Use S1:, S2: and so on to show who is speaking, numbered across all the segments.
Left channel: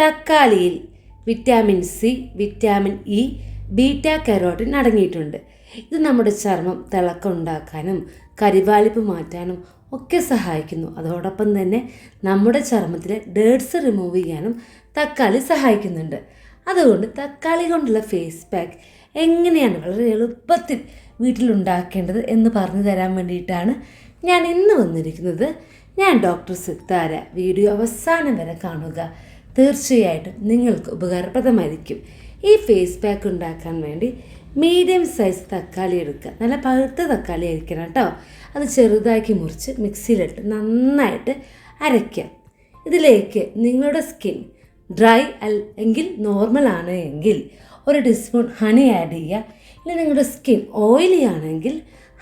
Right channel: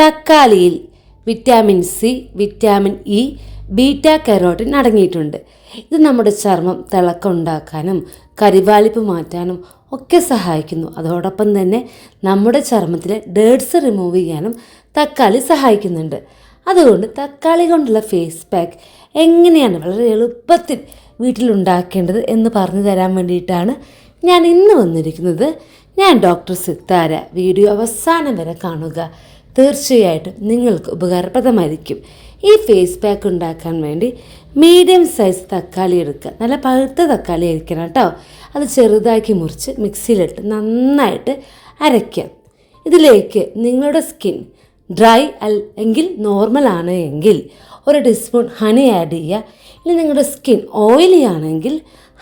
S1: തക്കാളിയിൽ vitamin C vitamin E beta carotene അടങ്ങിയിട്ടുണ്ട്. ഇത് നമ്മുടെ ചർമ്മം തിളക്കമുണ്ടാക്കാനും കരിവാലിപ്പ് മാറ്റാനും ഒക്കെ സഹായിക്കുന്നു. അതോടൊപ്പം തന്നെ നമ്മുടെ ചർമ്മത്തിലെ ഡേഡ്സ് റിമൂവ് ചെയ്യാനും തക്കാളി സഹായിക്കുന്നുണ്ട്. അതുകൊണ്ട് തക്കാളി കൊണ്ടുള്ള ഫേസ് പാക്ക് എങ്ങനെയാണ് വളരെ എളുപ്പത്തിൽ വീട്ടിലുണ്ടാക്കേണ്ടത് എന്ന് പറഞ്ഞു തരാൻ വേണ്ടിയിട്ടാണ് ഞാൻ ഇന്ന് വന്നിരിക്കുന്നത്. ഞാൻ ഡോക്ടർ സിത്താര. വീഡിയോ അവസാനം വരെ കാണുക. തീർച്ചയായിട്ടും നിങ്ങൾക്ക് ഉപകാരപ്രദമായിരിക്കും. ഈ ഫേസ് പാക്ക് ഉണ്ടാക്കാൻ വേണ്ടി മീഡിയം സൈസ് തക്കാളി എടുക്കുക. നല്ല പഴുത്ത തക്കാളി ആയിരിക്കണം കേട്ടോ. അത് ചെറുതാക്കി മുറിച്ച് മിക്സിയിലിട്ട് നന്നായിട്ട് അരയ്ക്കാം ഇതിലേക്ക് നിങ്ങളുടെ സ്കിൻ ഡ്രൈ അല്ലെങ്കിൽ നോർമൽ ആണ് എങ്കിൽ ഒരു ടീസ്പൂൺ ഹണി ആഡ് ചെയ്യുക. ഇനി നിങ്ങളുടെ സ്കിൻ ഓയിലി ആണെങ്കിൽ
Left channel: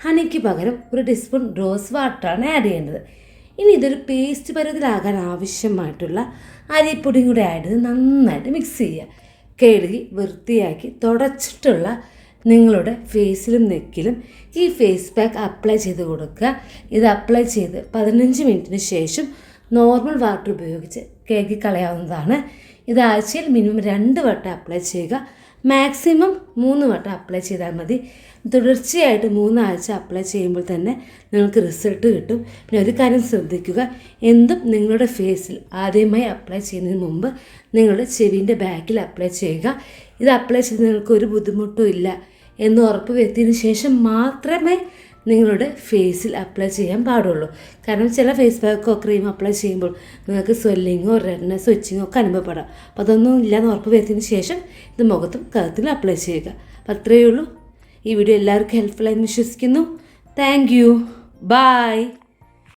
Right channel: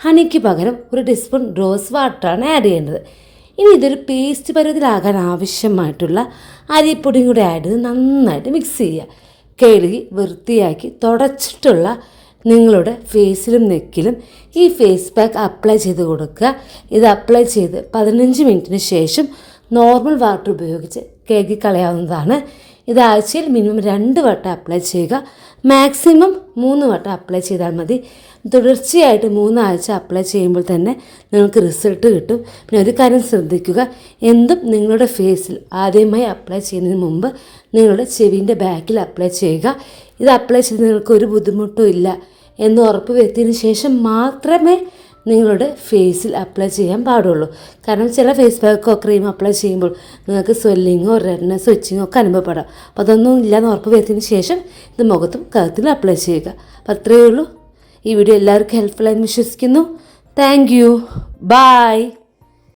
S1: ഹണിക്ക് പകരം ഒരു ടീസ്പൂൺ റോസ് വാട്ടറാണ് ആഡ് ചെയ്യേണ്ടത്. ഇനി ഇതൊരു പേസ്റ്റ് പരുവത്തിലാകാൻ ആവശ്യമായിട്ടുള്ള അരിപ്പൊടിയും കൂടി ആഡ് ചെയ്ത് നന്നായിട്ട് മിക്സ് ചെയ്യുക. കഴുകി വൃത്തിയാക്കി തുടച്ചിട്ടുള്ള നിങ്ങളുടെ ഫേസിലും നെക്കിലും ഈ ഫേസ് പാക്ക് അപ്ലൈ ചെയ്ത് കൊടുക്കുക. ഇത് അപ്ലൈ ചെയ്ത് പതിനഞ്ച് മിനിറ്റിന് ശേഷം നോർമൽ വാട്ടർ ഉപയോഗിച്ച് കഴുകി കളയാവുന്നതാണ്. ഇത് ആഴ്ചയിൽ മിനിമം രണ്ട് വട്ടം അപ്ലൈ ചെയ്യുക. മാക്സിമം മൂന്ന് വട്ടം അപ്ലൈ ചെയ്താൽ മതി. തുടർച്ചയായിട്ട് മൂന്നാഴ്ച അപ്ലൈ ചെയ്യുമ്പോൾ തന്നെ നിങ്ങൾക്ക് റിസൾട്ട് കിട്ടും. പിന്നെ ഒരു കാര്യം ശ്രദ്ധിക്കുക. എന്തും നിങ്ങളുടെ ഫേസിൽ ആദ്യമായി അപ്ലൈ ചെയ്യുന്നതിന് മുമ്പ് നിങ്ങളുടെ ചെവിന്റെ ബാക്കിൽ അപ്ലൈ ചെയ്യുക. ഇത് അപ്ലൈ ചെയ്ത് നിങ്ങൾക്ക് ഒരു ബുദ്ധിമുട്ടും ഇല്ല എന്ന് ഉറപ്പ് വരുത്തിയതിന് ശേഷം മാത്രമേ നിങ്ങളുടെ ഫേസിൽ അപ്ലൈ ചെയ്യാൻ പാടുള്ളൂ. കാരണം ചില ഫേസ് പാക്കോ ക്രീം അപ്ലൈ ചെയ്യുമ്പോൾ നിങ്ങൾക്ക് സ്വെല്ലിങ്ങോ റെഡ്നെസ് സ്വിച്ചിങ്ങോ ഒക്കെ അനുഭവപ്പെടാം. അപ്പോൾ അതൊന്നും ഇല്ലാന്ന് ഉറപ്പ് വരുത്തിയതിന് ശേഷം ഇത് മുഖത്തും കഴുത്തിലും അപ്ലൈ ചെയ്യുക. അപ്പോൾ അത്രയേ ഉള്ളൂ. ഈ വീഡിയോ എല്ലാവർക്കും ഹെൽപ്ഫുള്ളായി വിശ്വസിക്കുന്നു. Thank you by